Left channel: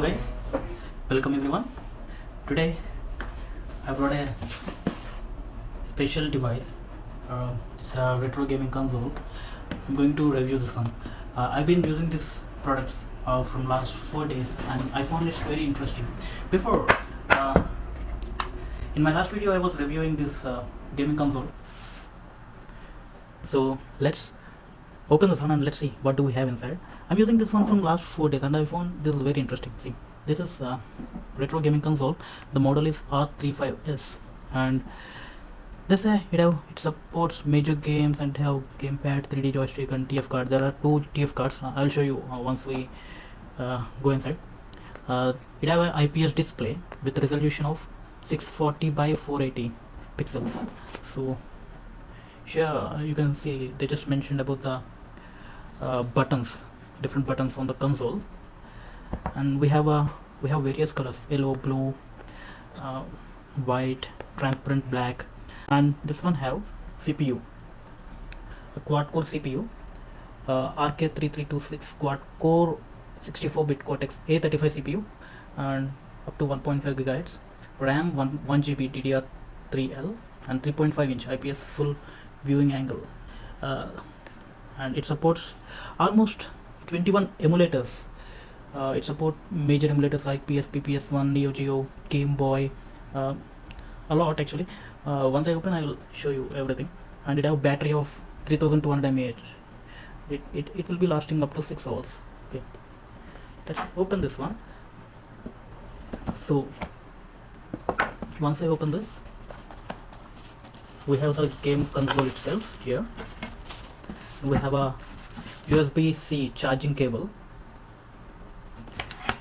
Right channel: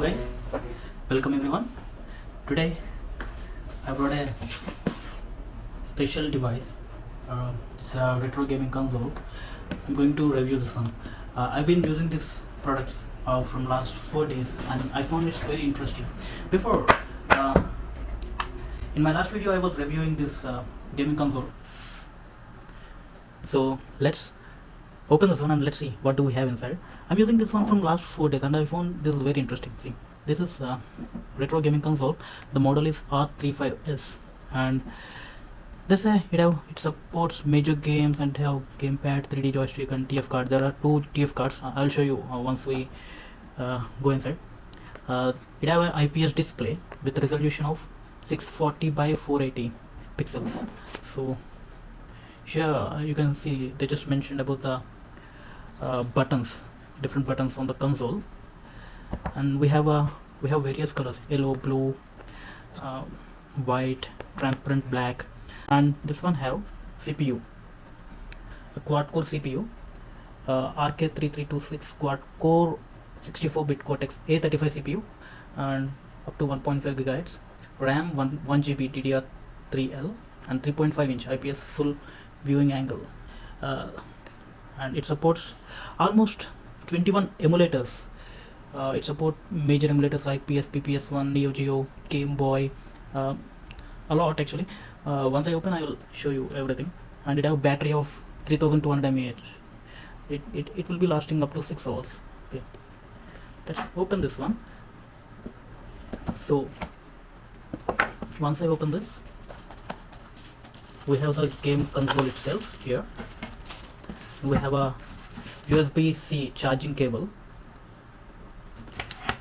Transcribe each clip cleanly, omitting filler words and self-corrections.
Hello guys, welcome everyone. Today I brought a special device. It's a retro gaming console. I'm going to review this one. I've been using this product from last 4 days and I found it very interesting. Before, in my last video I was reviewing this gaming console. So let's open this one and let's see what do we have inside. I'm using this one from last 4 days and I found this very interesting. See, this is retro gaming console. The model is R35S and this it supports major games and have gamepad, 3D joystick and TF card. There are 2 TF cards. I'll show you once we go inside. It have an IPS display with resolution of 640 by 480 pixels. So here you can see they just mentioned about the buttons, different buttons on the console, and we have various colors: yellow, blue, white, transparent black. And this one have CPU, a quad core CPU, RK3326 quad core 64-bit Cortex A35 CPU, and up to 1.5 gigahertz RAM, 1 GB DDR3L, and 3.5-inch IPS full viewing angle. And it supports almost 21 emulators. It supports major emulators like PSP, PS1, Neo Geo, Game Boy, a lot actually. Once I open, I will show you everything. And it have a battery of 3200 mAh. It will be lasting up to 6 hours. Okay, let's open this one. So once I open this, we have the game console itself here. We have a USB-C charging cable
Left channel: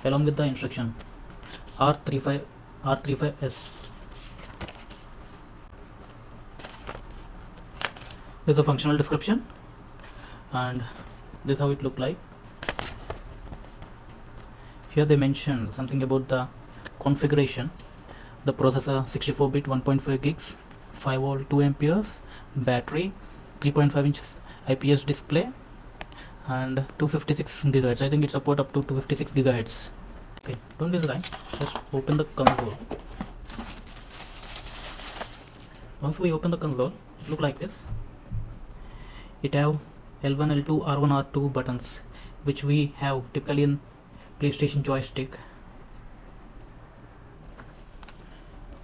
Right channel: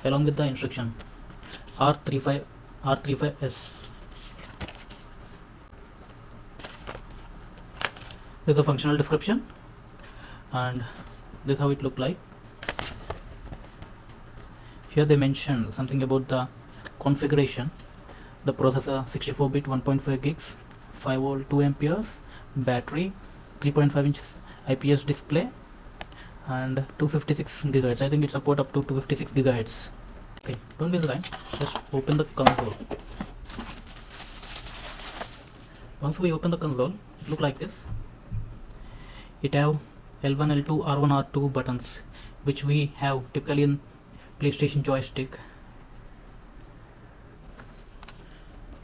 along with the instruction R35S. This is a functional description and this is how it look like. Here they mention something about the configuration. The processor 64-bit 1.5 gigs, 5 volt 2 amperes, battery, 3.5 inches IPS display, and 256 gigahertz. I think it support up to 256 gigahertz. Okay, don't waste time. Let's open the console. Once we open the console, it look like this. It have L1, L2, R1, R2 buttons, which we have typically in PlayStation joystick.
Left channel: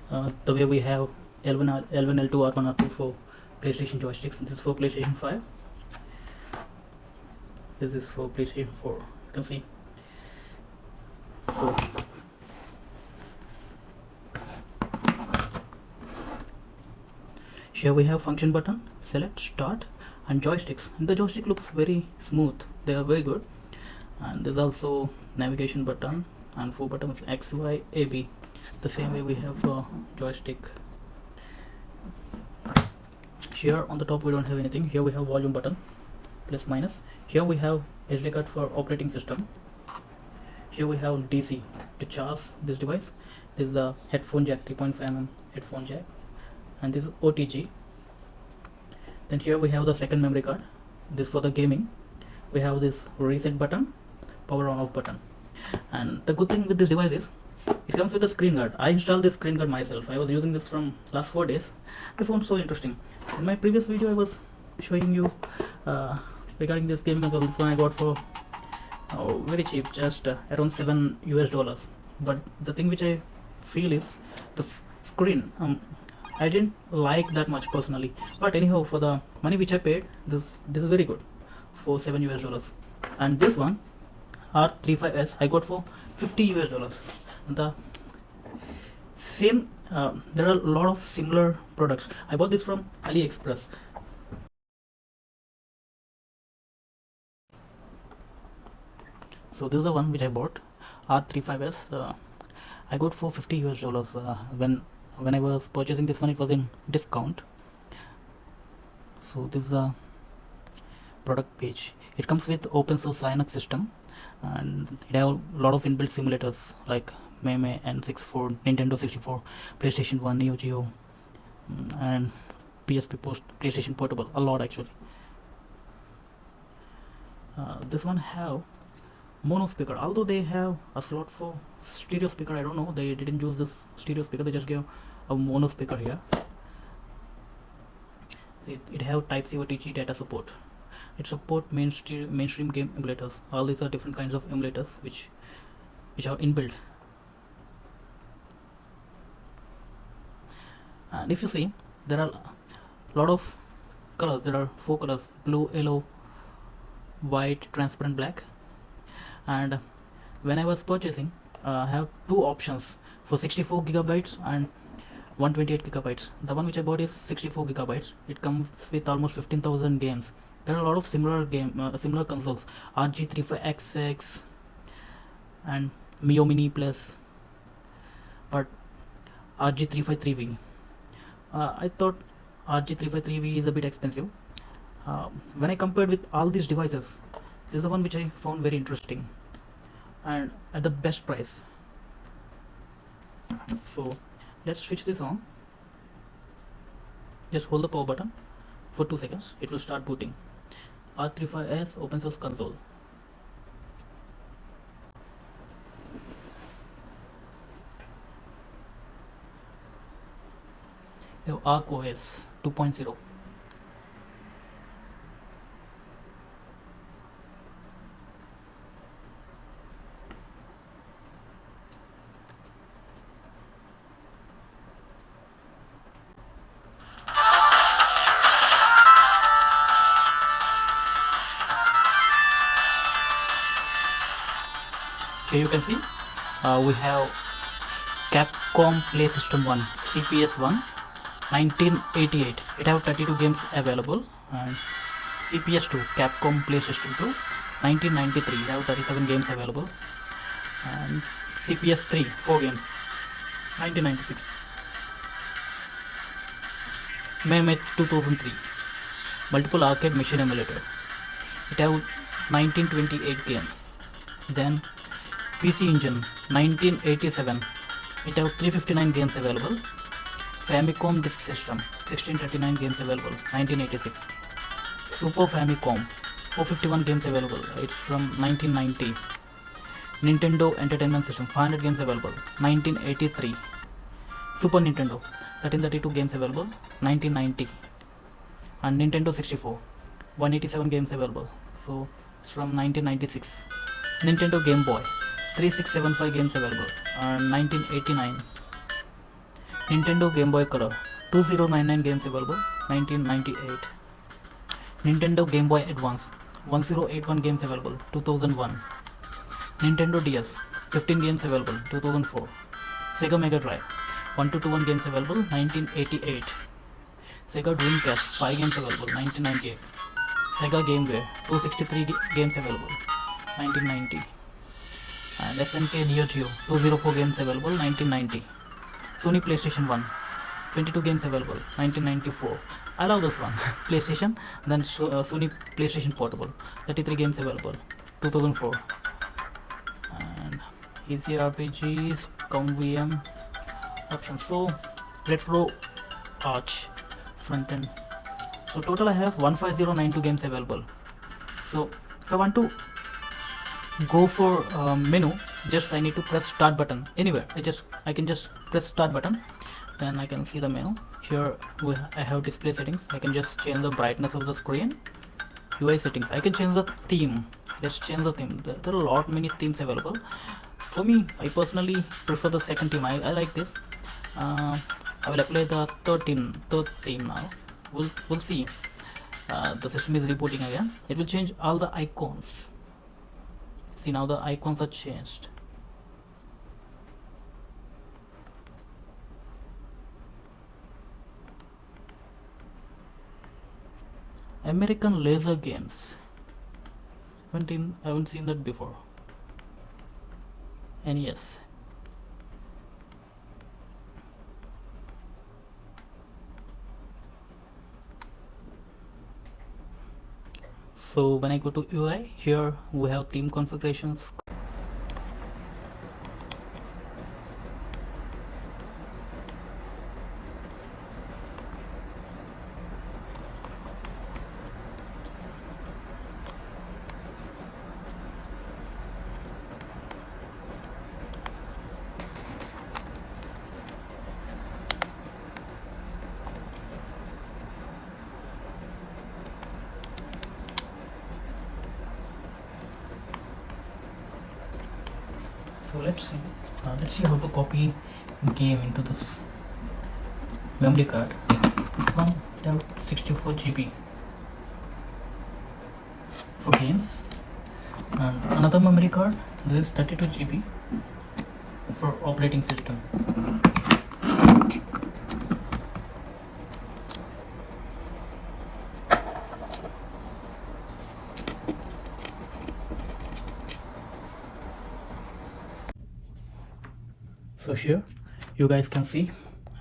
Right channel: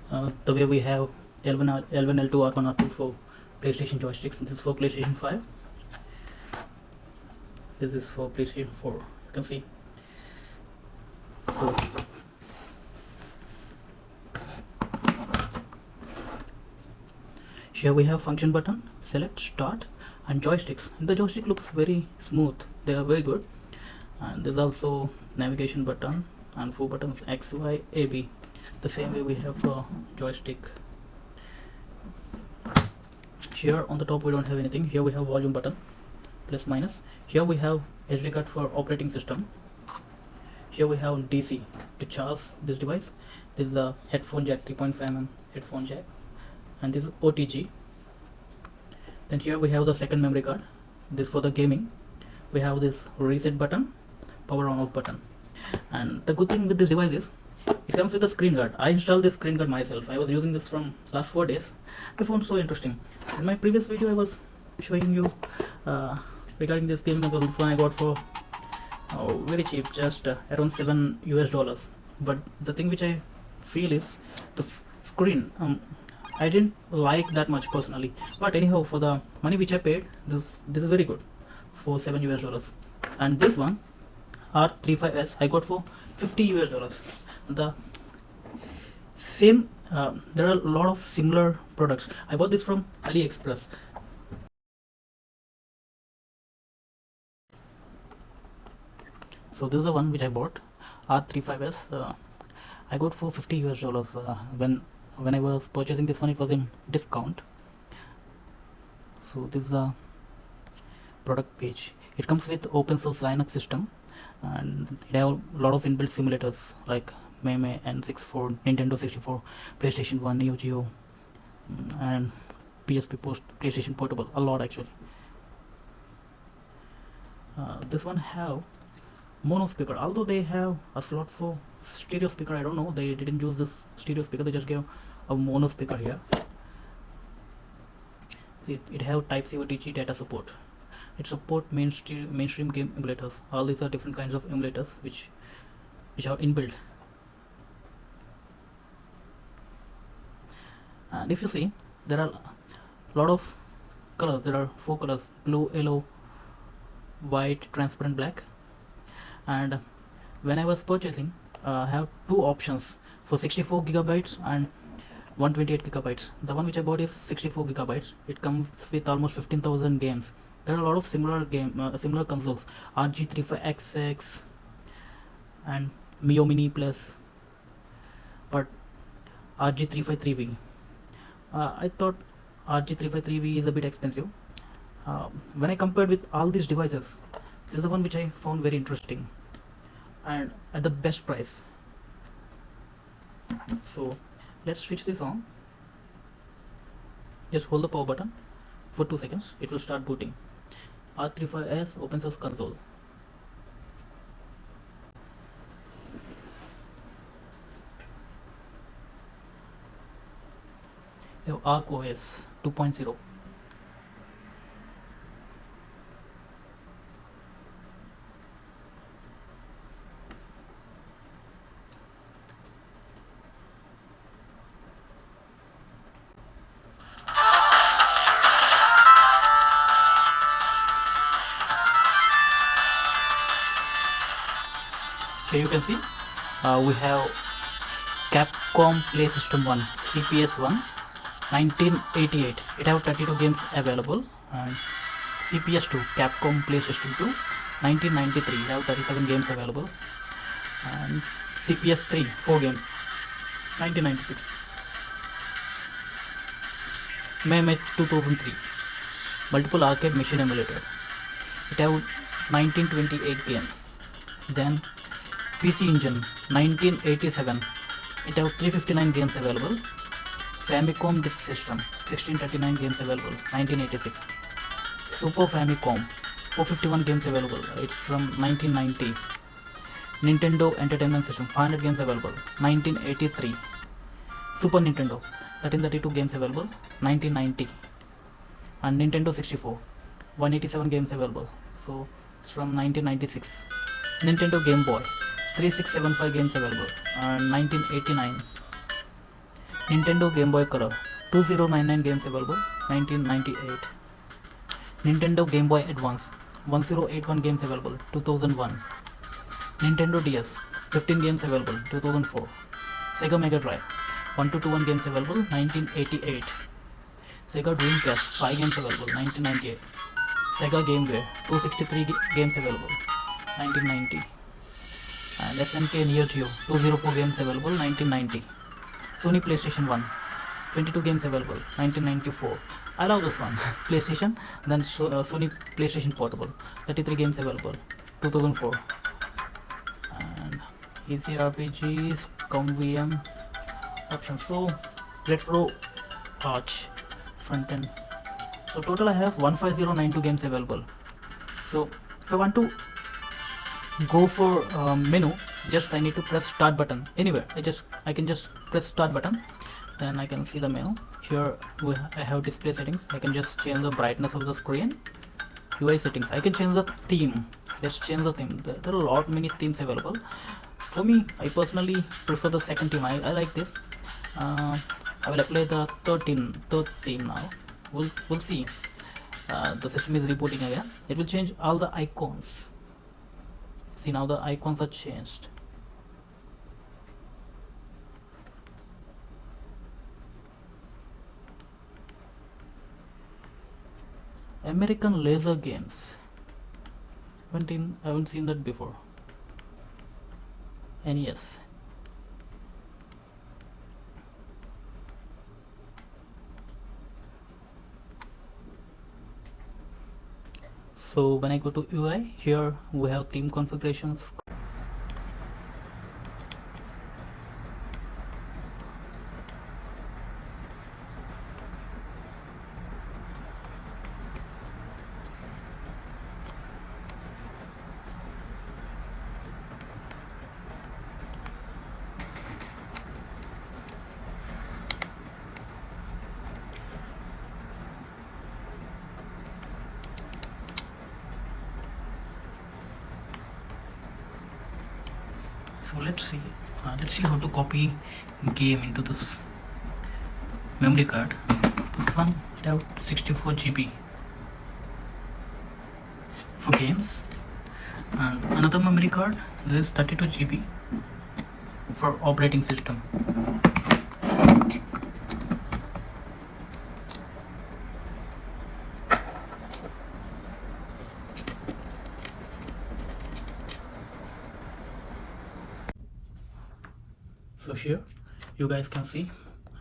The way we have L1, L2, R1, R2 for PlayStation joysticks. This is for PlayStation 5. This is for PlayStation 4. You can see. So here we have function button, select, start, and joysticks. The joystick looks very smooth. They are very good. And there's also navigation button and 4 buttons: X, Y, A, B. The same way we have joystick. Here on the top we don't have anything. Here we have volume button, plus minus. Here we have SD card for operating system. Here we have DC to charge this device. This is the headphone jack, 3.5mm headphone jack, and this is OTG. Then here we have the second memory card. This for the gaming. We have this reset button, power on off button. And the good thing with this device is it comes with a screen guard. I installed this screen guard myself. I was using this from last 4 days. I found it so interesting. In my previous video I was showing you regarding this game console. This one I got for very cheap, just around $7 US. But the thing which I feel is the screen. I didn't like that much personally, but anyhow, for the money which I paid, this is very good for $7 US. And this one R35S I got for $50 US. The same. There are a lot of similar products. I bought this from AliExpress. So this is the one which I bought, R35S. I got for $50 US. When I was purchasing this one, it was in discount. So this is a product page. It comes with open source Linux system, and it have a lot of inbuilt simulators like Meme, N64, Nintendo 64, PlayStation 1, Neo Geo, and PSP PlayStation Portable. A lot actually. This one have mono speaker. Although they have a slot for stereo speaker, I don't know, they didn't use this stereo speaker, they just gave a mono speaker here. See, it have Type C OTG data support. It support mainstream game emulators. All these are different kinds of emulators which are inbuilt. And if you see, there are a lot of colors. There are 4 colors: blue, yellow, white, transparent, black. And when I was purchasing, I have 2 options for 64 gigabytes and 128 gigabytes. The one which I bought is 64 gigabytes. It comes with almost 15,000 games. There are a lot of similar consoles: R35S and Mio Mini Plus, but RG353V. I thought RG353V is a bit expensive. When I compared with all these devices, this is the one which I found very interesting and at the best price. So let's switch this on. Just hold the power button for 2 seconds. It will start booting. R35S open source console. You have Arc OS 2.0. Here you can see we have Capcom Play System 1 CPS 1 1988. It have 32 games available. And CPS 2 Capcom Play System 2 1993 have 37 games available. And CPS 3 4 games 1996. May 2003 multiple arcade machine emulator. It have 1928 games. Then PC Engine 1987. It have 359 games available. Famicom Disk System 1639 games available 1986. Super Famicom 451 games available. It's from 1990. Nintendo Entertainment System 500 games available 1983. Super Nintendo 1332 games available 1990. And Nintendo 64 187 games available, so it's from 1996. Nintendo Game Boy 3675 games available, 1989. Nintendo Game Boy Color 2099 games available, 1998. Nintendo Game Boy Advance 1081 games available, 2001. Nintendo DS 15 games available, 2004. Sega Mega Drive 1221 games available, 1988. Sega Dreamcast 5 games available, 1998. Sega GameGear 263 games available, 1990. And SNK Neo Geo 204 games available, 1990. Sony PlayStation 1 22 games available, 1994. I love this one. PlayStation, then Sony PlayStation Portable 33 games available, 2004. And easy RPGs, VM options. So let's go Arch front end. So total I have 15092 games available. So if I want to go for menu, just I need to press start button anywhere. I can just press start button, then I can see the menu. Here I have display settings. I can just change the brightness of the screen. UI settings, I can change the theme. Let's change the theme. There are a lot many themes available. For me, I personally prefer the second theme. I like this. I will apply the third theme now. We'll see. The system is rebooting again. It will change all the icons. See, now the icons are changed. American laser games. I haven't seen that before. NES. So when I go to UI, here we have theme configurations. So let's see how to copy game into this memory card. This one will have 64 GB for games, and another memory card, this is 32 GB for operating system. So here you guys can see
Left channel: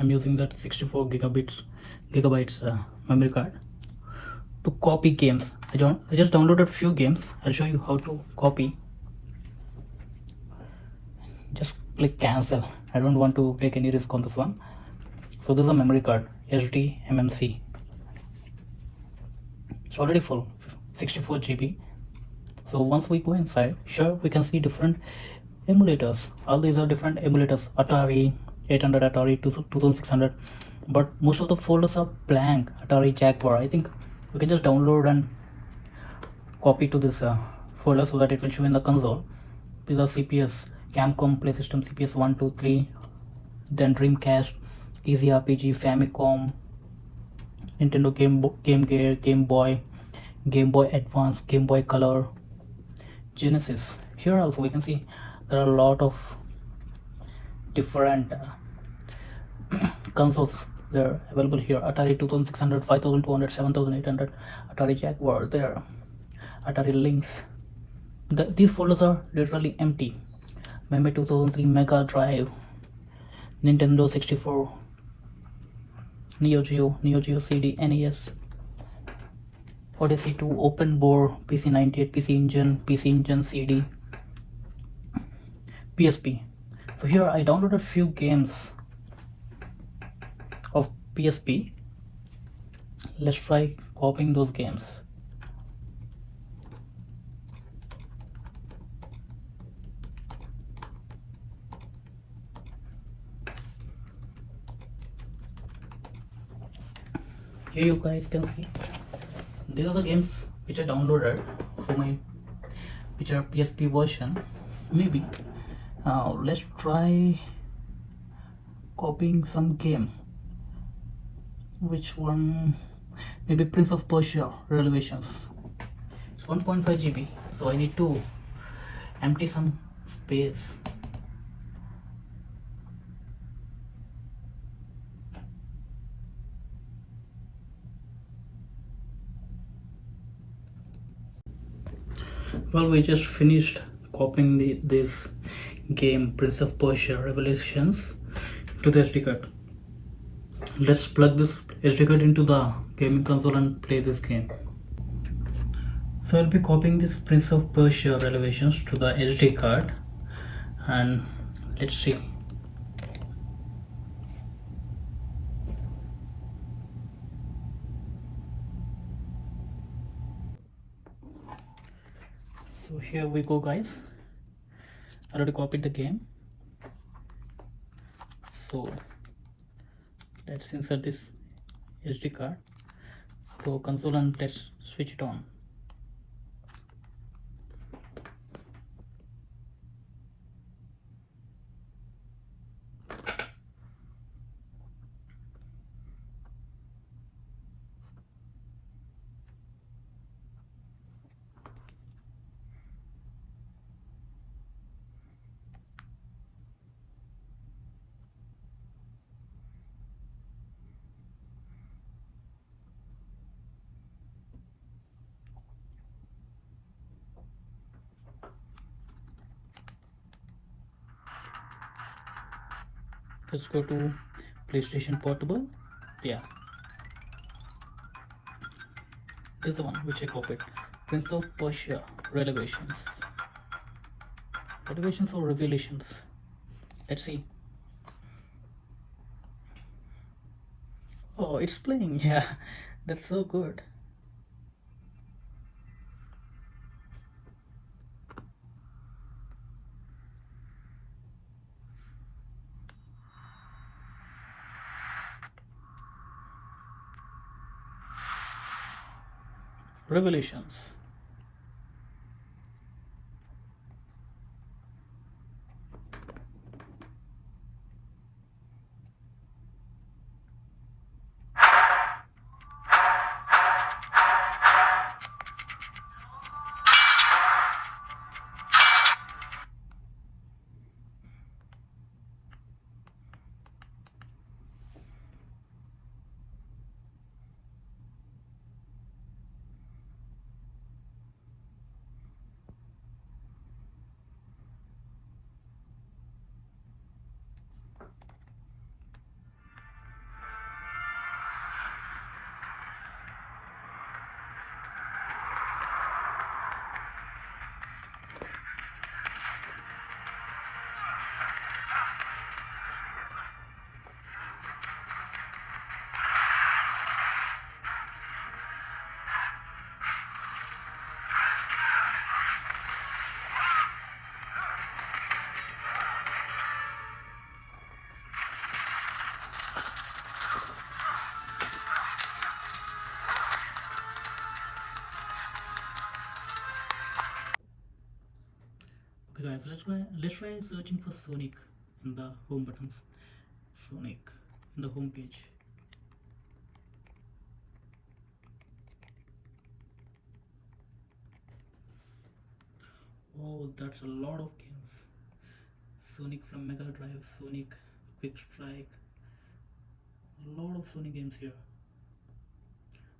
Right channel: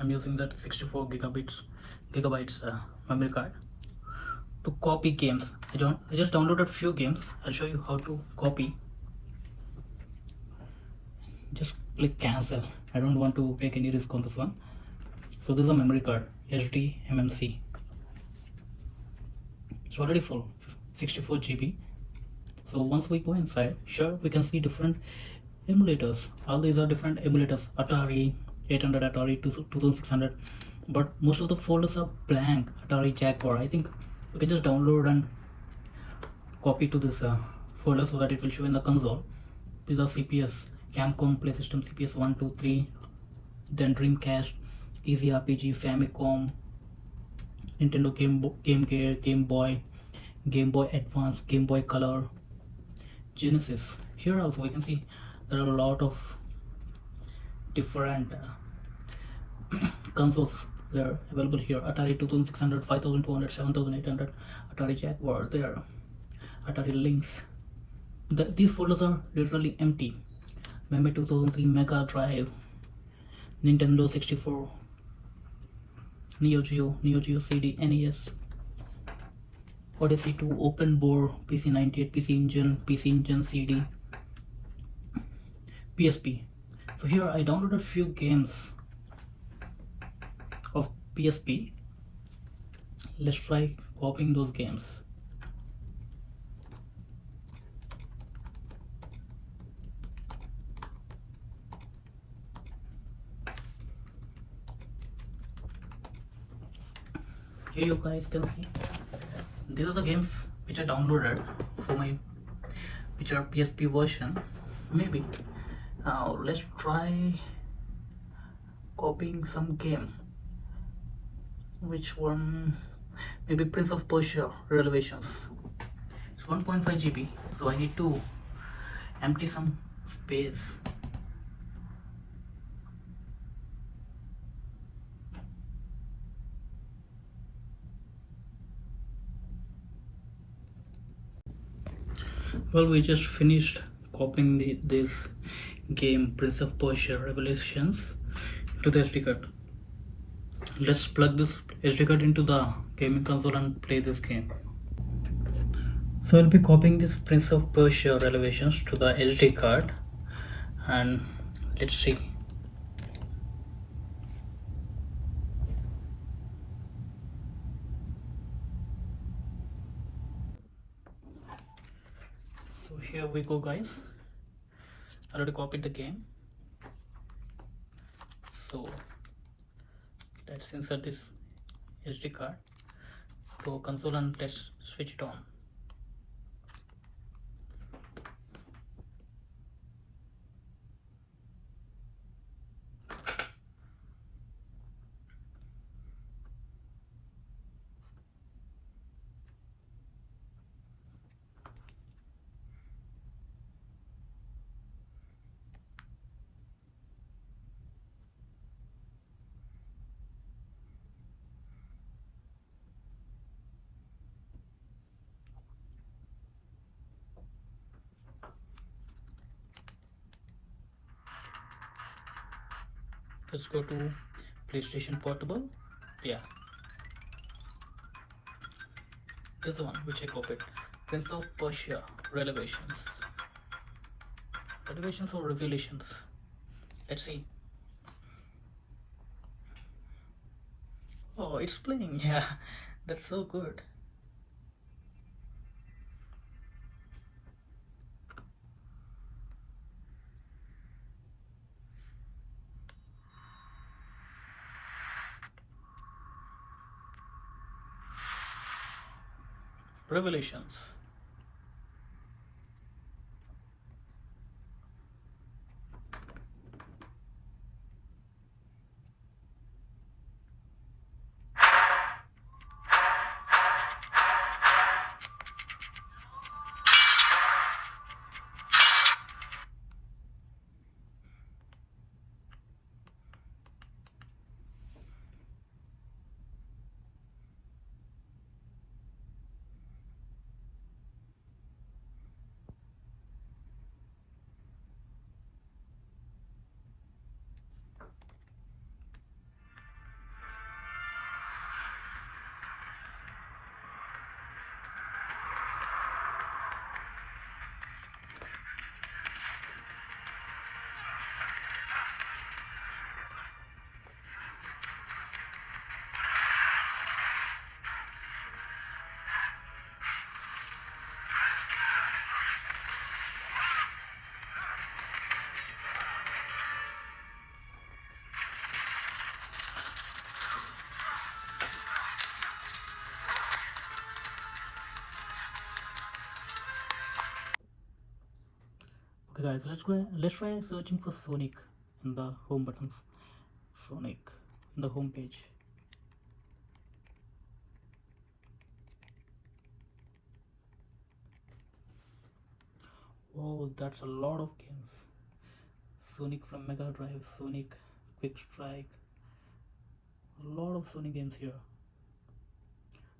I'm using that 64 gigabytes memory card to copy games. I just downloaded few games. I'll show you how to copy. Just click cancel. I don't want to take any risk on this one. So this is a memory card, SD MMC. It's already full, 64 GB. So once we go inside, here we can see different emulators. All these are different emulators: Atari 800, Atari 2600, but most of the folders are blank. Atari Jaguar, I think we can just download and copy to this folder so that it will show in the console. These are CPS: Camcom, Play System, CPS 1, 2, 3, then Dreamcast, Easy RPG, Famicom, Nintendo Game Gear, Game Boy Advance, Game Boy Color, Genesis. Here also we can see there are a lot of different consoles. They're available here: Atari 2600, 5200, 7800, Atari Jaguar, there, Atari Lynx. These folders are literally empty. Memory 2003, Mega Drive, Nintendo 64, Neo Geo CD, NES, Odyssey 2, Open Bore, PC 98, PC Engine CD, PSP. So here I downloaded few games of PSP. Let's try copying those games. Here you guys can see these are the games which I downloaded for my which are PSP version. Maybe now let's try copying some game. Which one? Maybe Prince of Persia Revelations. It's 1.5 GB, so I need to empty some space. Well, we just finished copying this game Prince of Persia Revelations to the SD card. Let's plug this SD card into the gaming console and play this game. So I'll be copying this Prince of Persia Revelations to the SD card, and let's see. So here we go, guys. I already copied the game. So let's insert this SD card to console and let's switch it on. Let's go to PlayStation Portable. Yeah, this is the one which I copied. Prince of Persia Revelations. Revelations or Revelations? Let's see. Oh, it's playing. Yeah, that's so good. Revelations. Okay guys, let's try searching for Sonic in the home buttons. Sonic in the home page. Oh, that's a lot of games. Sonic from Mega Drive, Sonic Quick Strike, a lot of Sonic games here.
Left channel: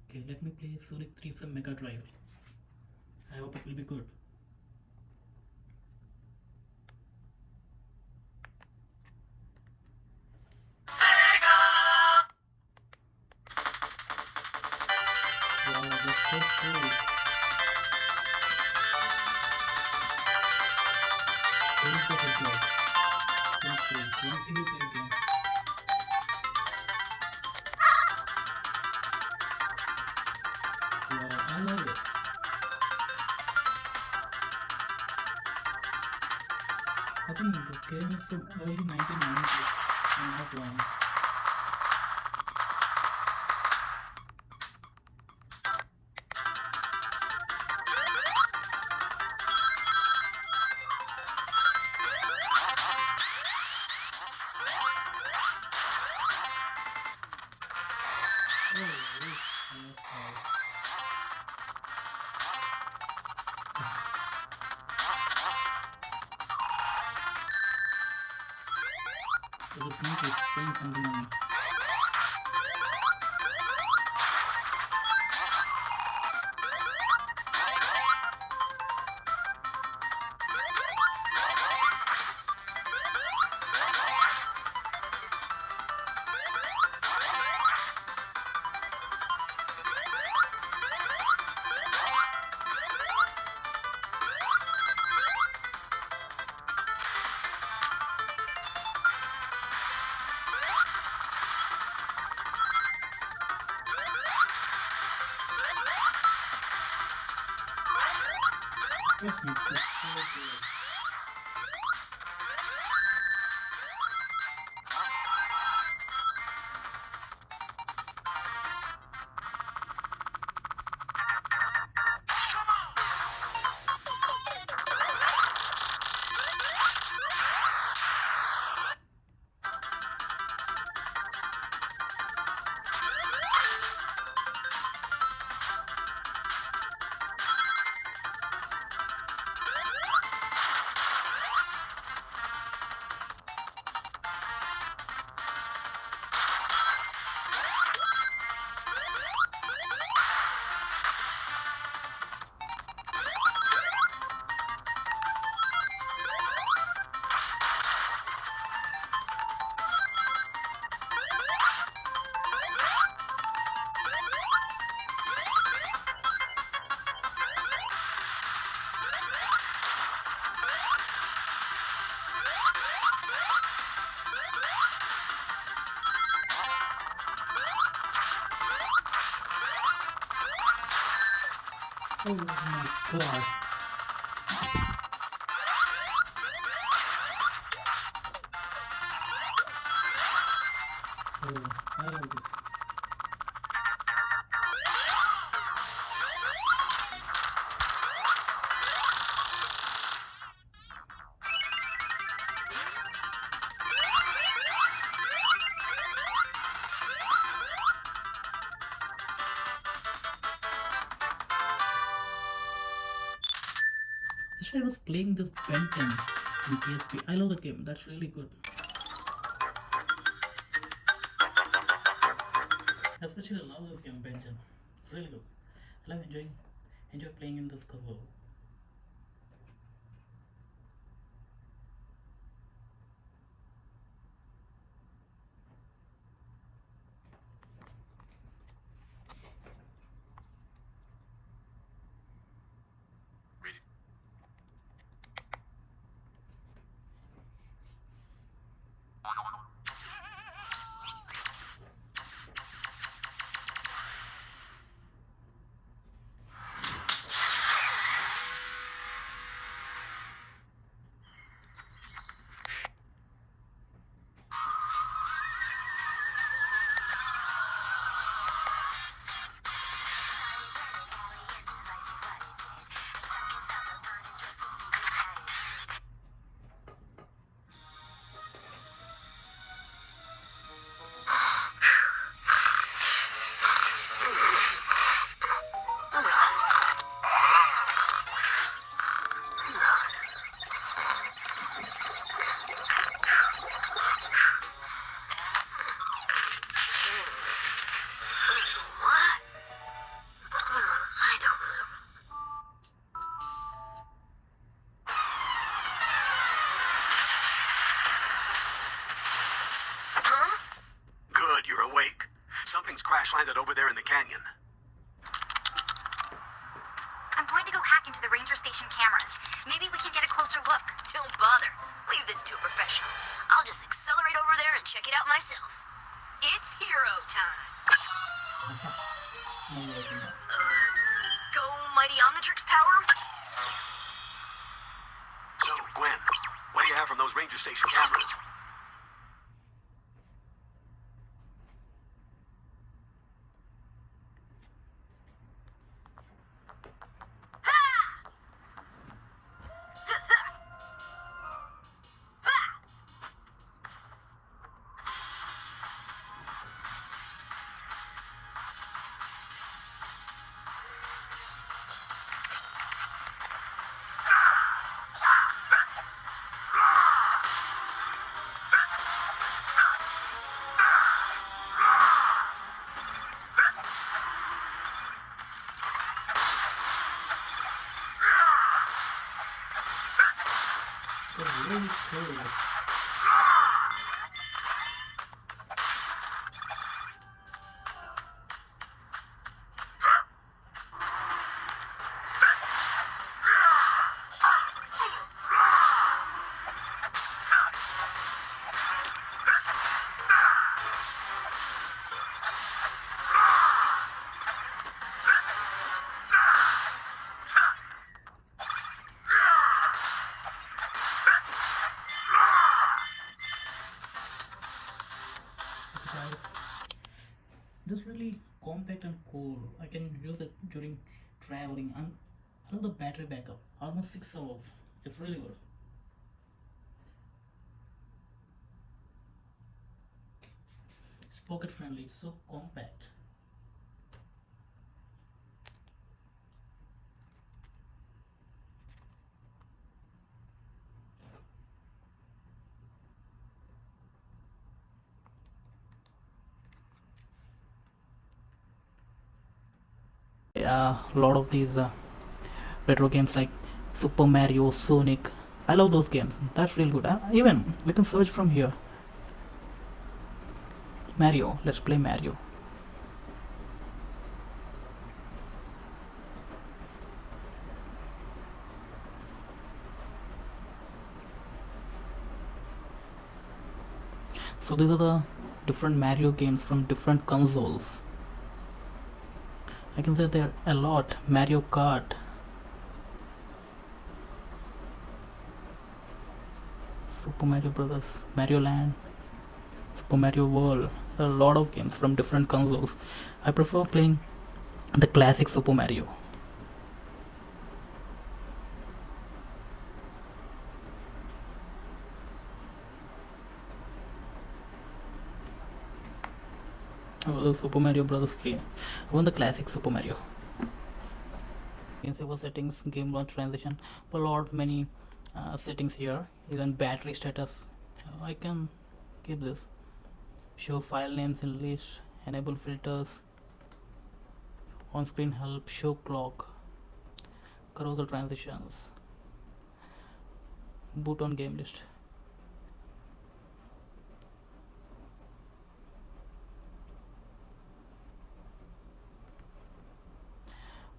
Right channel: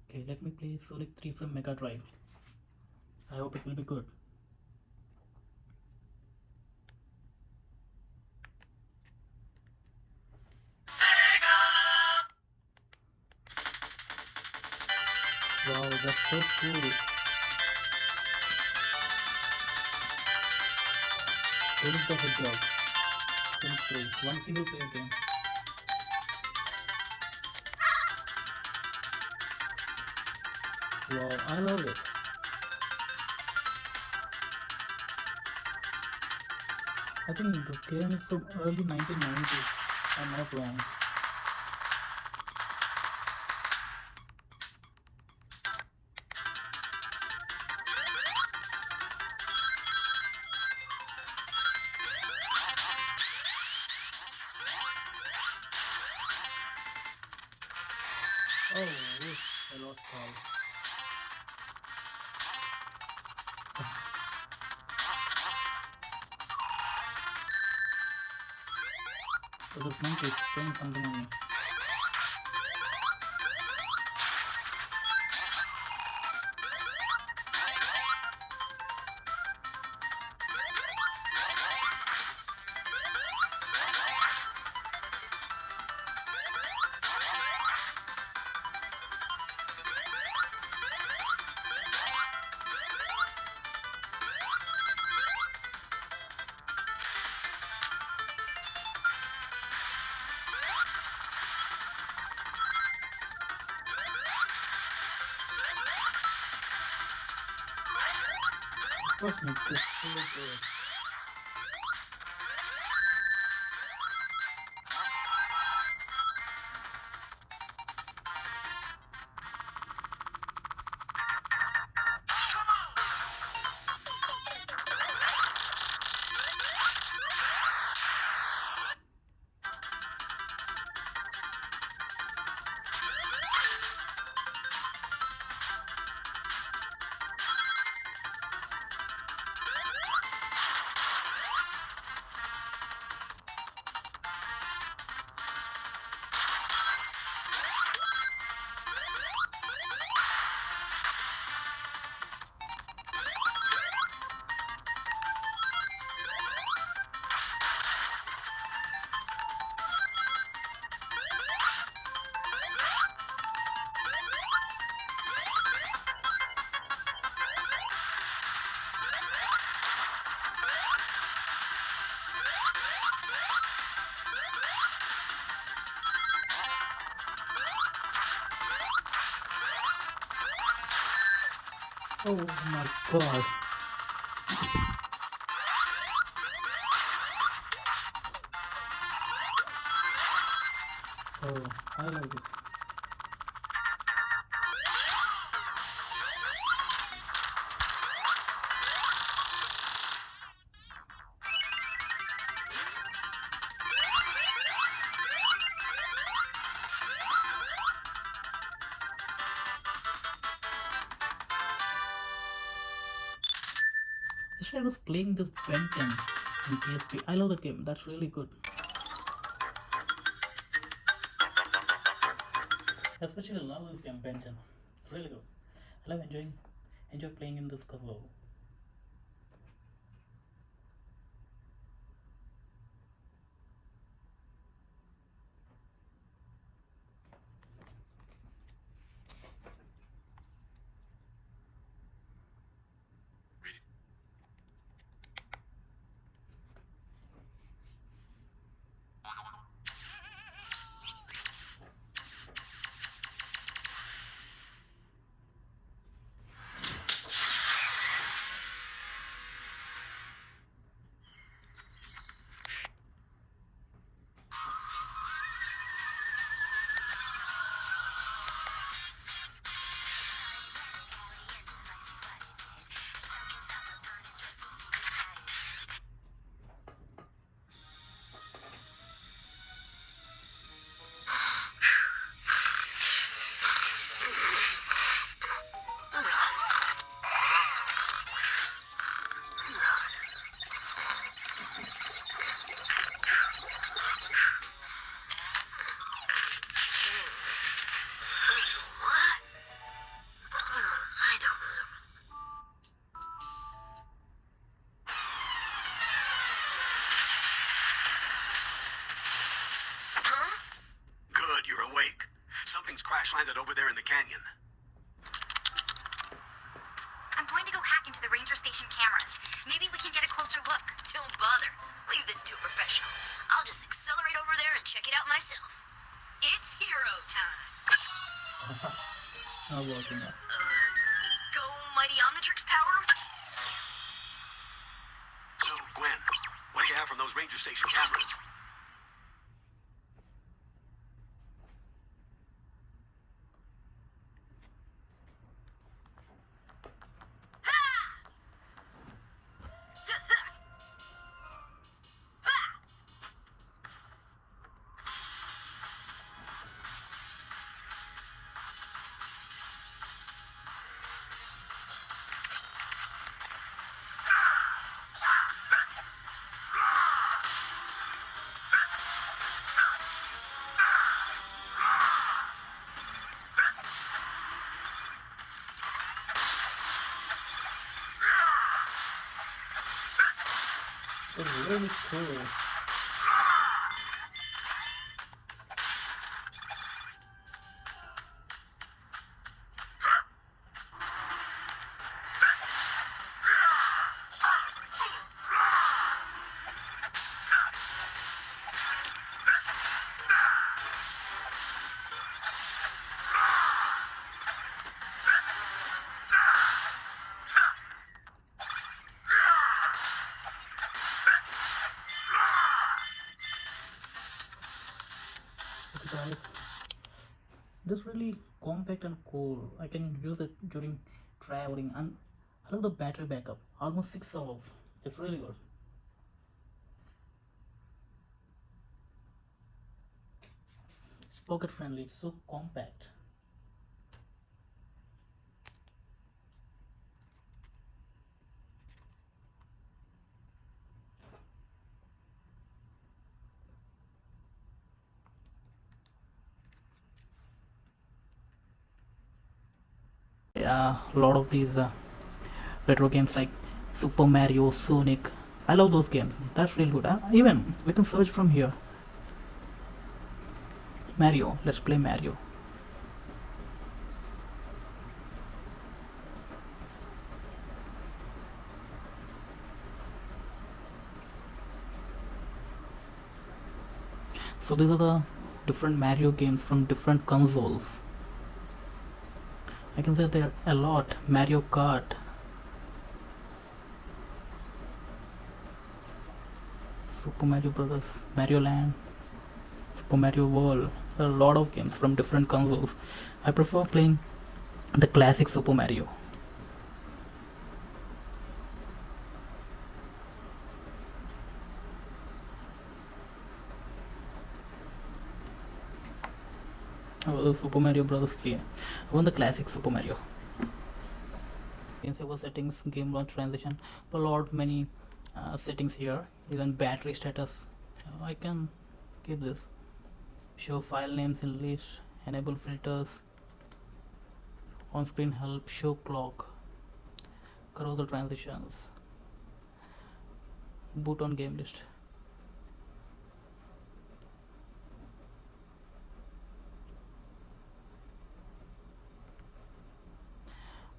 Okay, let me play Sonic 3 from Mega Drive. I hope it will be good. Wow, that's so cool. Sonic the Hedgehog. Sonic 3, one single player game. Wow, I love it. I think this game is from early 1990s. I'm not wrong. Oh, I lost power. So the pink is saying something on me. What makes this so good? Oh my god. Oh, I love this. Actually, I was playing this Ben 10 in PSP. I love the game. That's really good. I especially love this game, Ben 10. It's really good. I love enjoy playing in this console. find it over there in the canyon. I'm going to go hack into the ranger station cameras. Maybe we can get a closer look. Don't bother. Leave this to a professional. I'll just accelerate over there and check it out myself. It's hero time. Go mighty Omnitrix power. So, Gwen, what do you have from those ranger station cameras? Really cool. Just really compact and cool. I can use it during traveling, and I love the battery backup, almost 6 hours. It's really good. It's pocket friendly, it's so compact. A lot of these retro games like Super Mario, Sonic, I love those games. That's really good. Even we can search from here. Mario, let's play Mario. So these are the different Mario games from different consoles. I can say there are a lot. Mario Kart, Super Mario Brothers, Mario Land, Super Mario World. There are a lot of games from different consoles. I prefer playing the classic Super Mario. The Super Mario Brothers 3. I want the classic Super Mario. Enable settings, game launch transition, a lot many settings here. Even battery status. I can keep this. Show file names in list. Enable filters. On-screen help. Show clock. Carousel transitions. Boot on game list.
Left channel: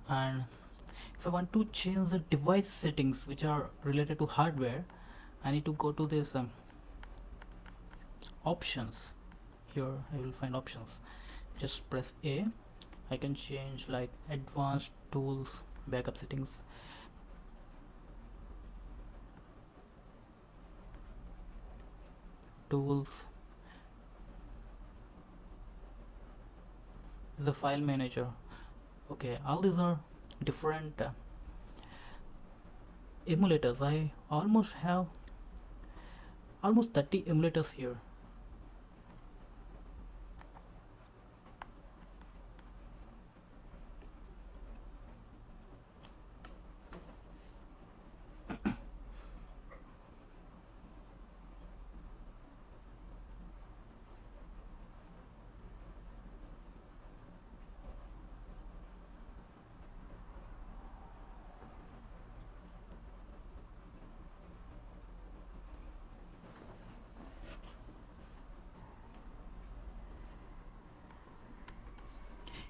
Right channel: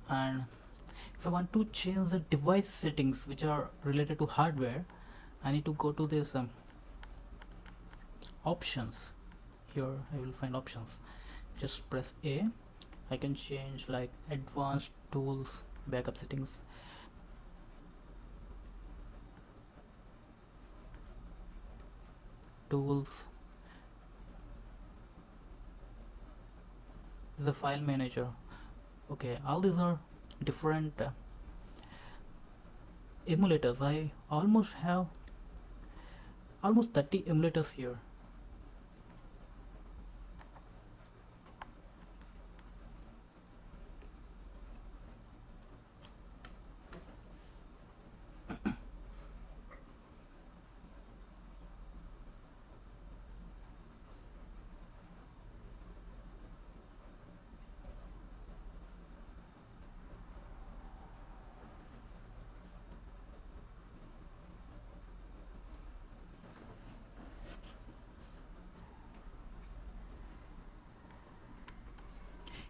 And if I want to change the device settings which are related to hardware, I need to go to this options. Here I will find options. Just press A. I can change like advanced tools, backup settings, tools, the file manager. Okay, all these are different emulators. I almost have almost 30 emulators here.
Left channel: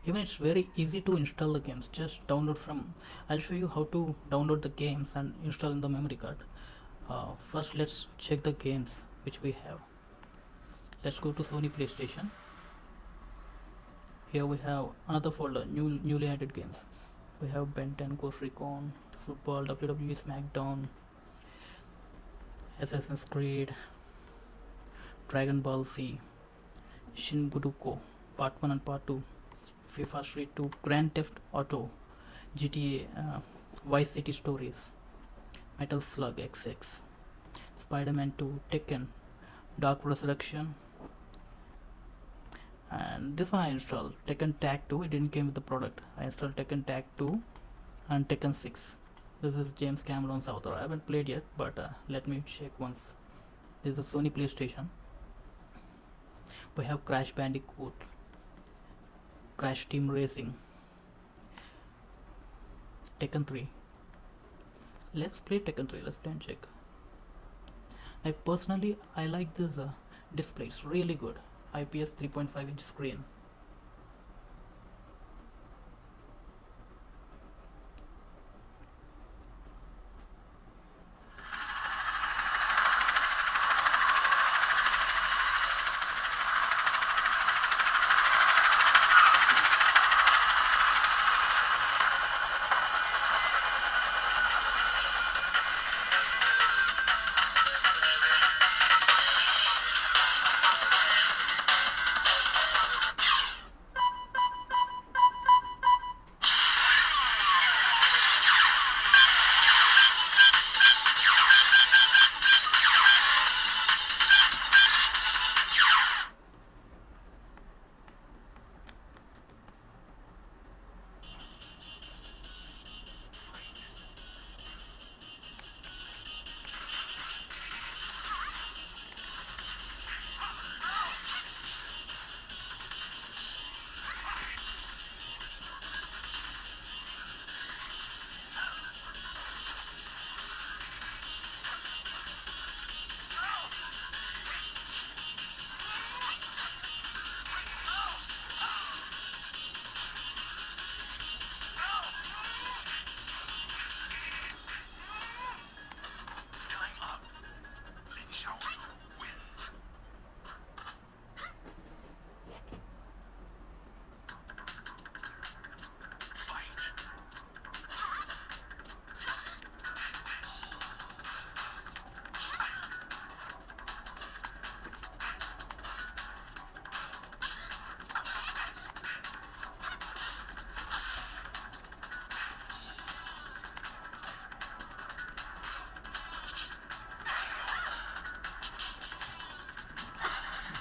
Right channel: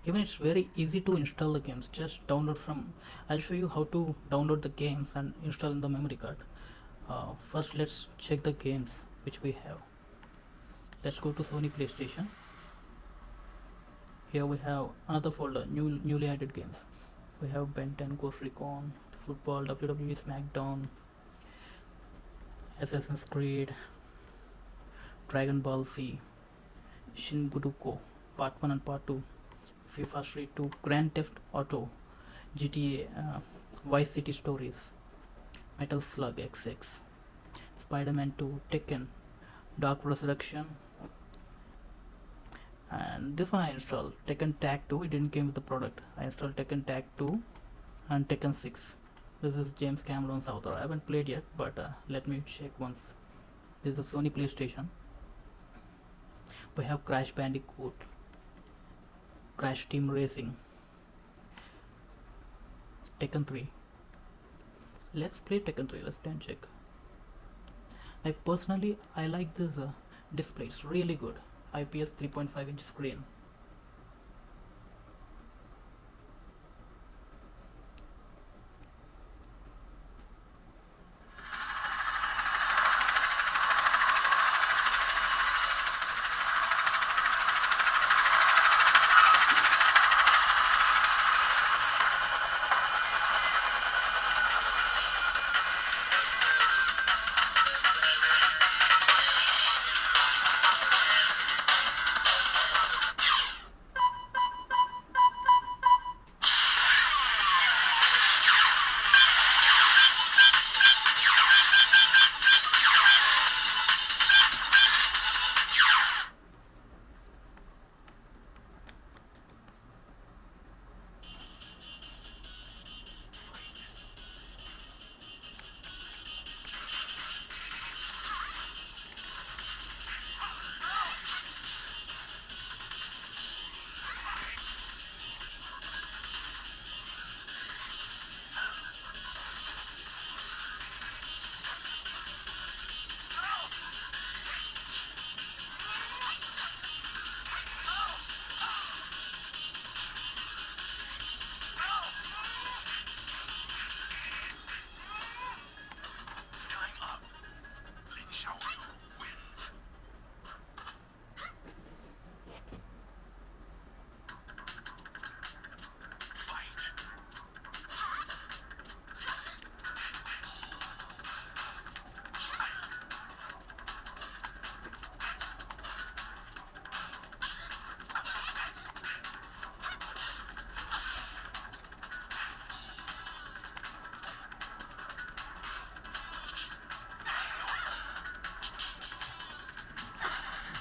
Even it's very easy to install the games. Just download from. I'll show you how to download the games and install in the memory card. First, let's check the games which we have. Let's go to Sony PlayStation. Here we have another folder, newly added games. We have Ben 10, Ghost Recon, Football, WWE SmackDown, Assassin's Creed, Dragon Ball Z, Shin Buduko, Part 1 and Part 2, FIFA Street 2, Grand Theft Auto, GTA, Vice City Stories, Metal Slug XX, Spider-Man 2, Tekken, Dark Resurrection, and this one I installed, Tekken Tag 2. It didn't came with the product. I installed Tekken Tag 2 and Tekken 6. This is James Cameron's author. I haven't played yet, but let me check once. This is a Sony PlayStation. We have Crash Bandicoot, Crash Team Racing, Tekken 3. Let's play Tekken 3. Let's then check. I like this display. It's really good. IPS 3.5 inch screen.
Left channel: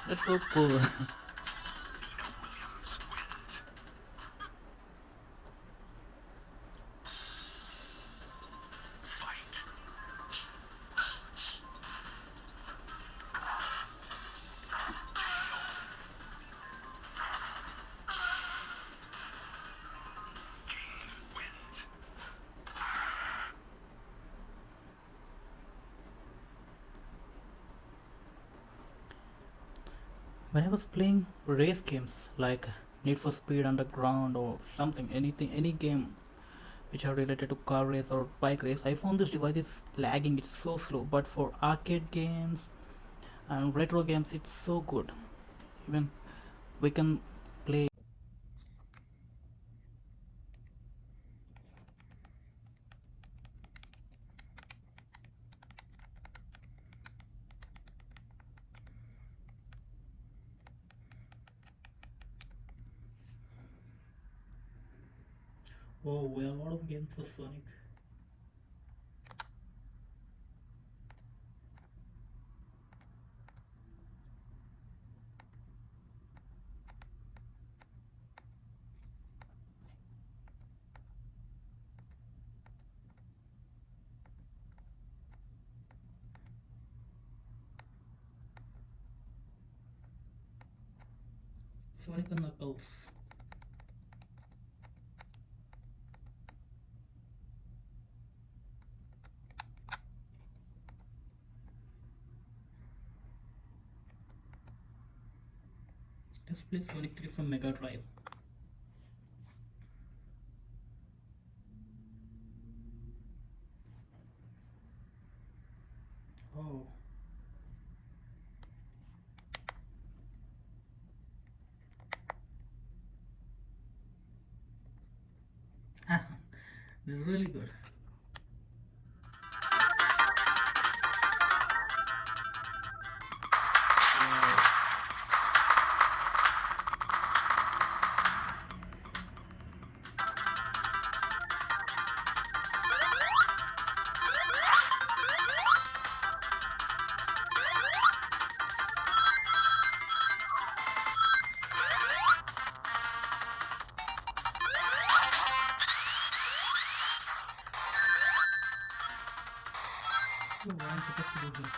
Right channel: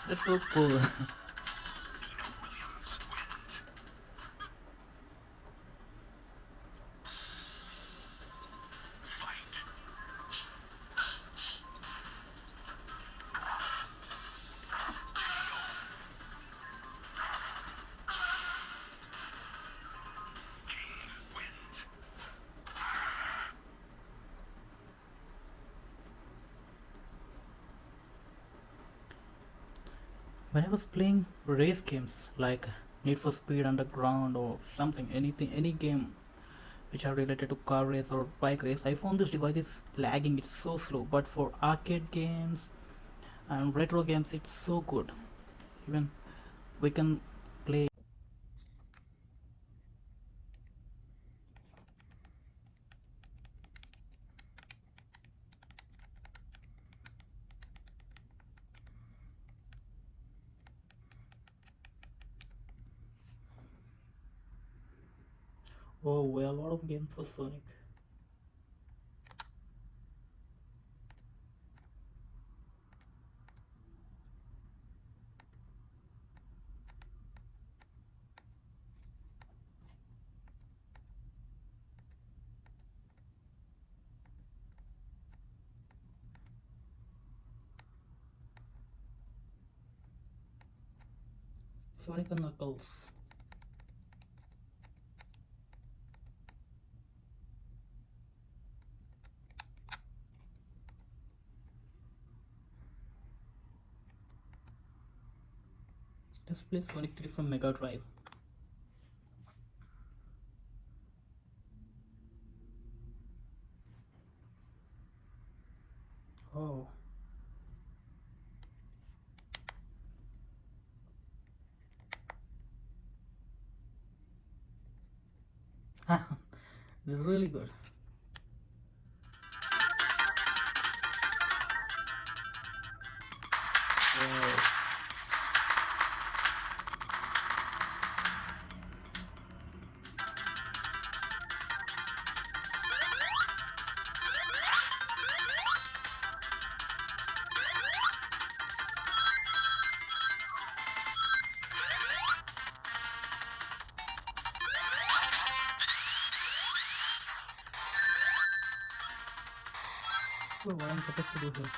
That's so cool. When I was playing race games like Need for Speed Underground or something, any game which are related to car race or bike race, I found this device is lagging. It's so slow. But for arcade games and retro games, it's so good. Even we can play. Oh, we have a lot of games for Sonic. Sonic and Knuckles. Let's play Sonic 3 from Mega Drive. Oh. This is really good. Wow. So what I'm supposed to do here?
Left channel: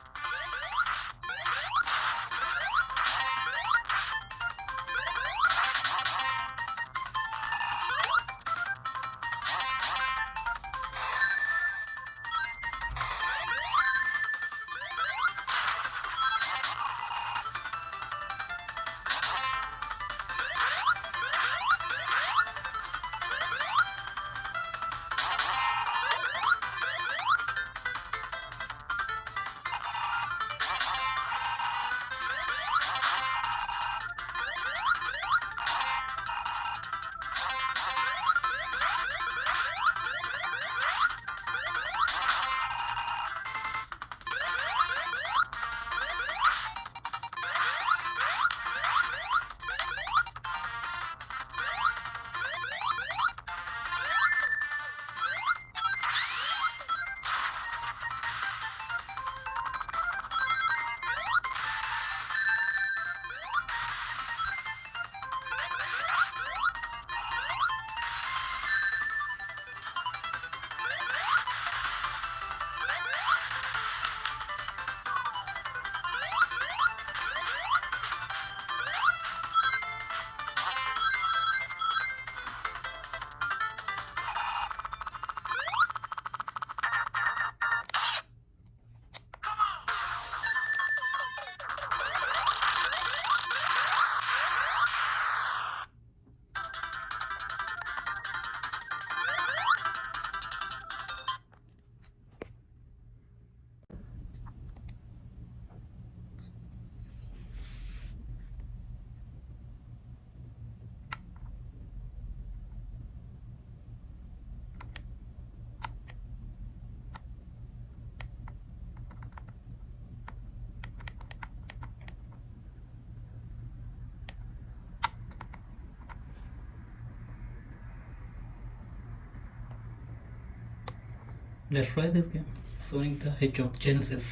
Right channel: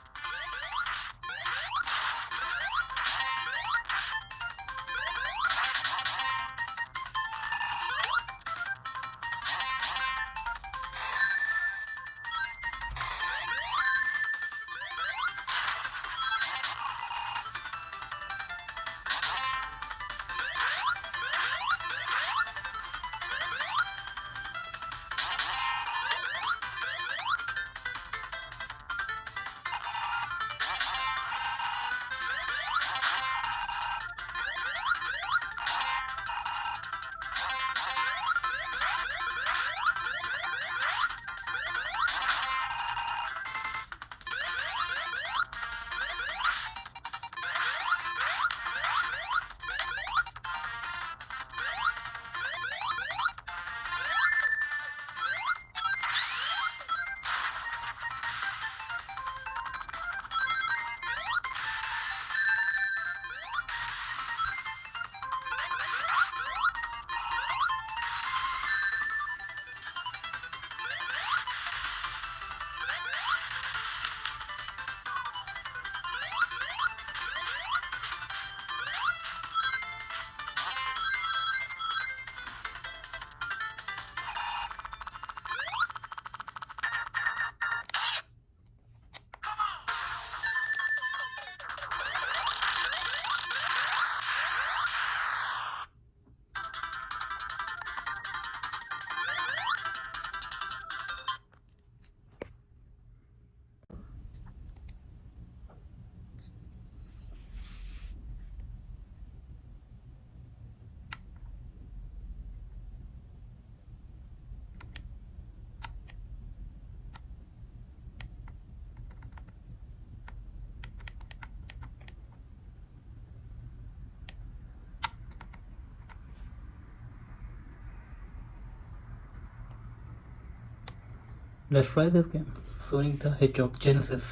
Let's try this game. Sonic the Hedgehog Genesis.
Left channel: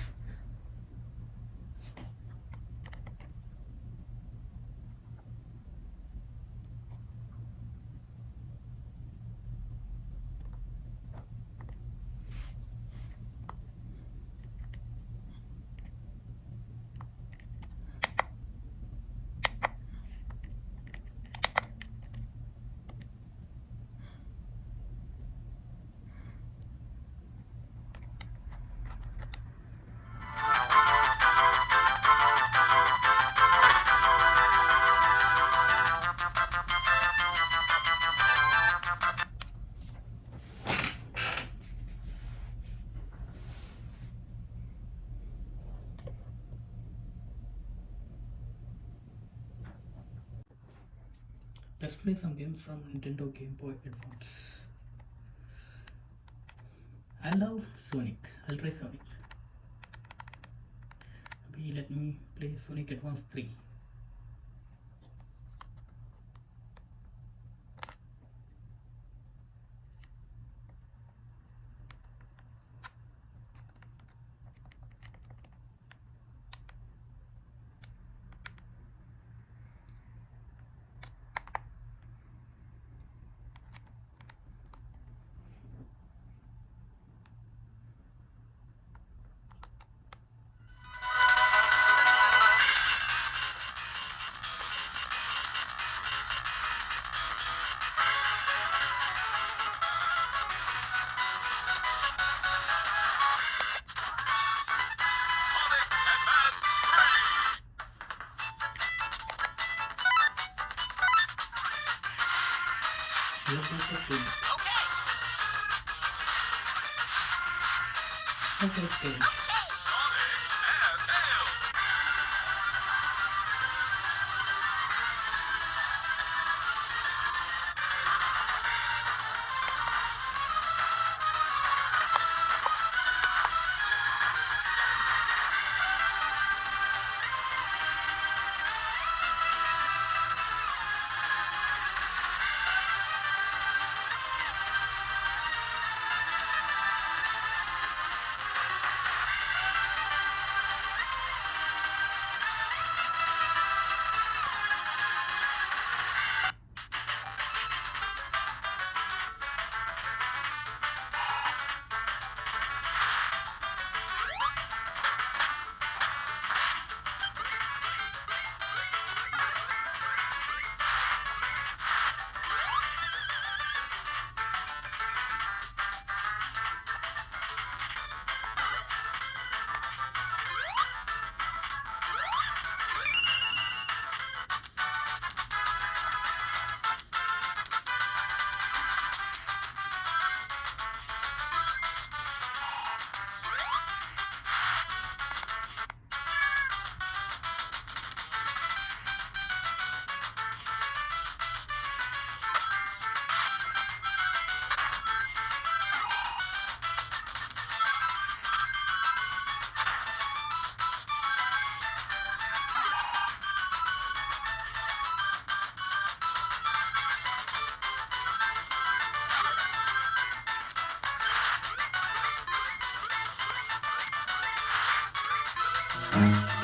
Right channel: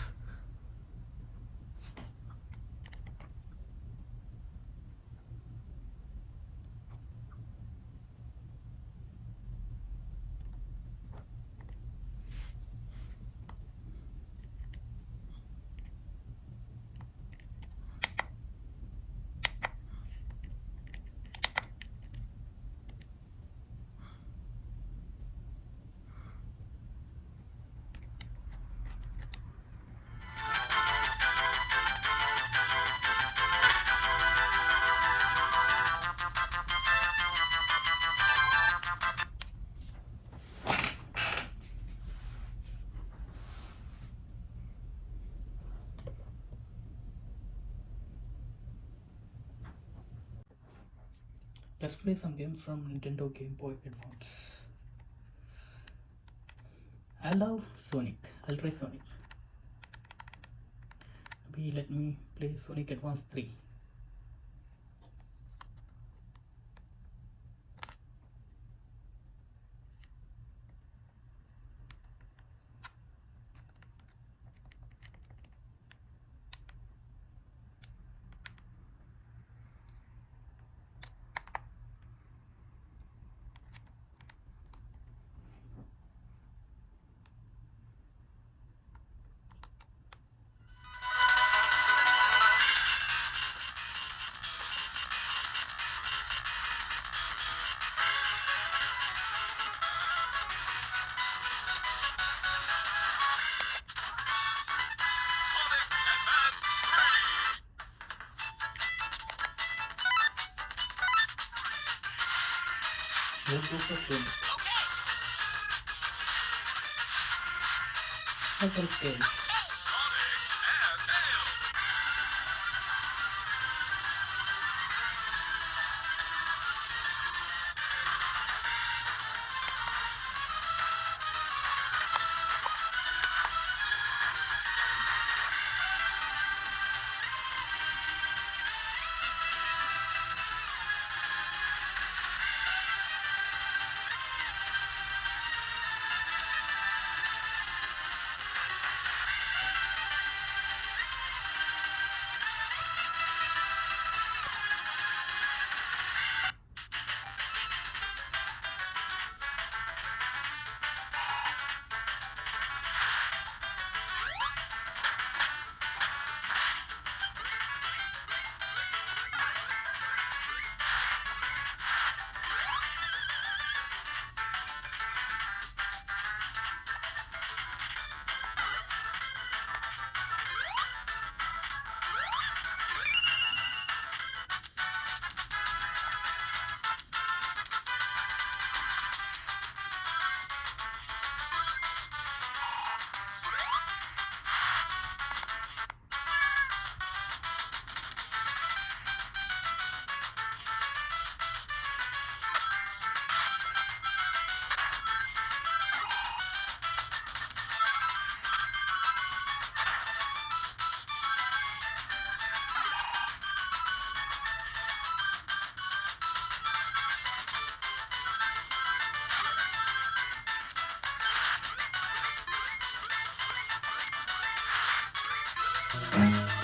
Let's play some games from Nintendo Game Boy Advance. I love Sonic. I'll try Sonic. Maybe let me play Sonic Advance 3. Let's go for Sonic. That's very scary.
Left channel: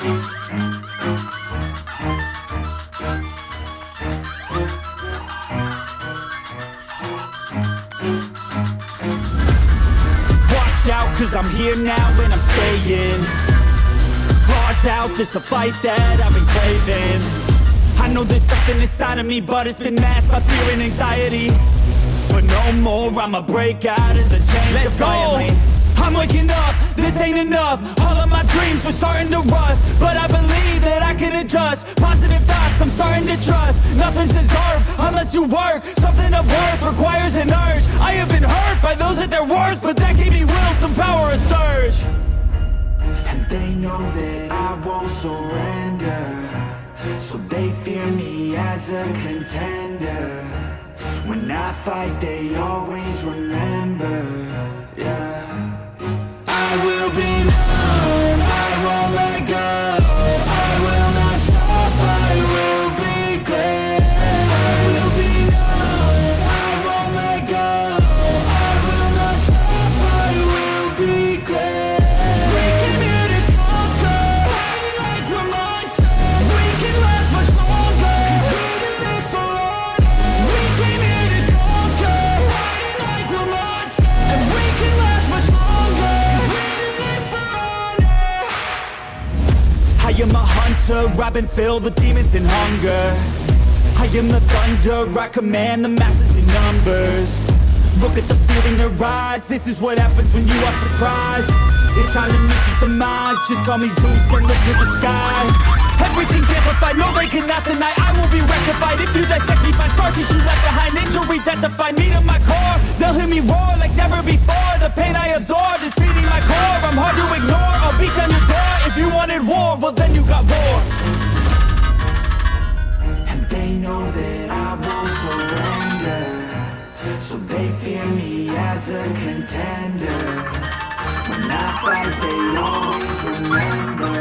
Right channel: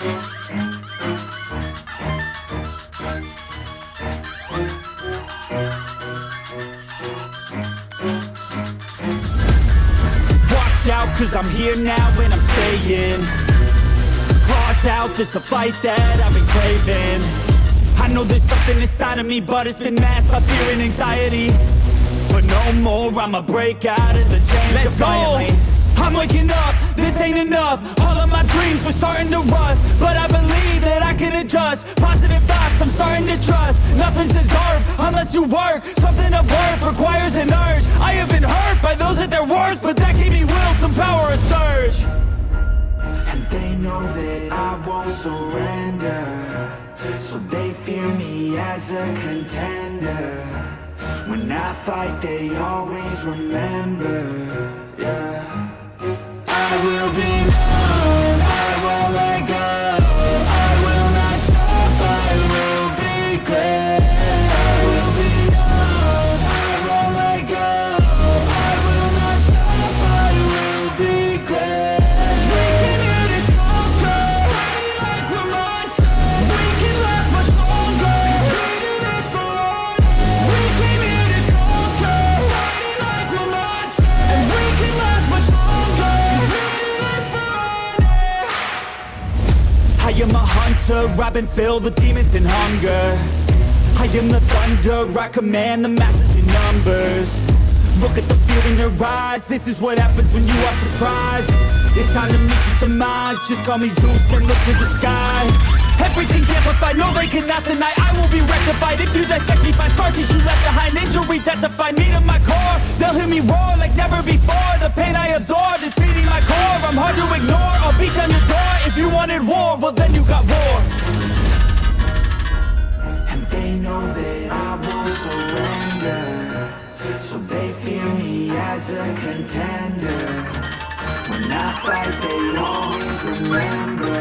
Watch out, cause I'm here now and I'm staying. Claws out just to fight that I've been craving. I know there's something inside of me, but it's been masked by fear and anxiety. But no more, I'ma break out of the chains. Let's go! I'm waking up, this ain't enough. All of my dreams were starting to rust, but I believe that I can adjust. Positive thoughts, I'm starting to trust. Nothing's deserved unless you work. Something of worth requires an urge. I have been hurt by those at their worst, but that gave me will, some power, a surge. And they know that I won't surrender, so they fear me as a contender. When I fight, they always remember, yeah. I will be known, I won't let go. I will not stop, I will be great. I will be known, I won't let go. I will not stop, I will be great. 'Cause we came here to conquer, like we're monsters. We can last much longer, 'cause we do this for honor. We came here to conquer, like we're monsters. And we can last much longer, 'cause we do this for honor. I am a hunter, I've been filled with demons and hunger. I am the thunder, I command the masses in numbers. Look at the fear in their eyes, this is what happens when you are surprised. It's time to meet your demise, just call me Zeus and look to the sky. Everything's amplified, no they cannot deny, I will be rectified. If you dissect me, find scars you left behind. Injuries that define me to my core, they'll hear me roar like never before. The pain I absorbed is feeding my core, I'm hard to ignore. I'll beat down your door, if you wanted war, well then you got war. And they know that I won't surrender, so they fear me as a contender. When I fight, they always remember,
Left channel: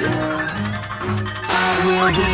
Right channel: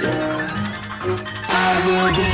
yeah. I will be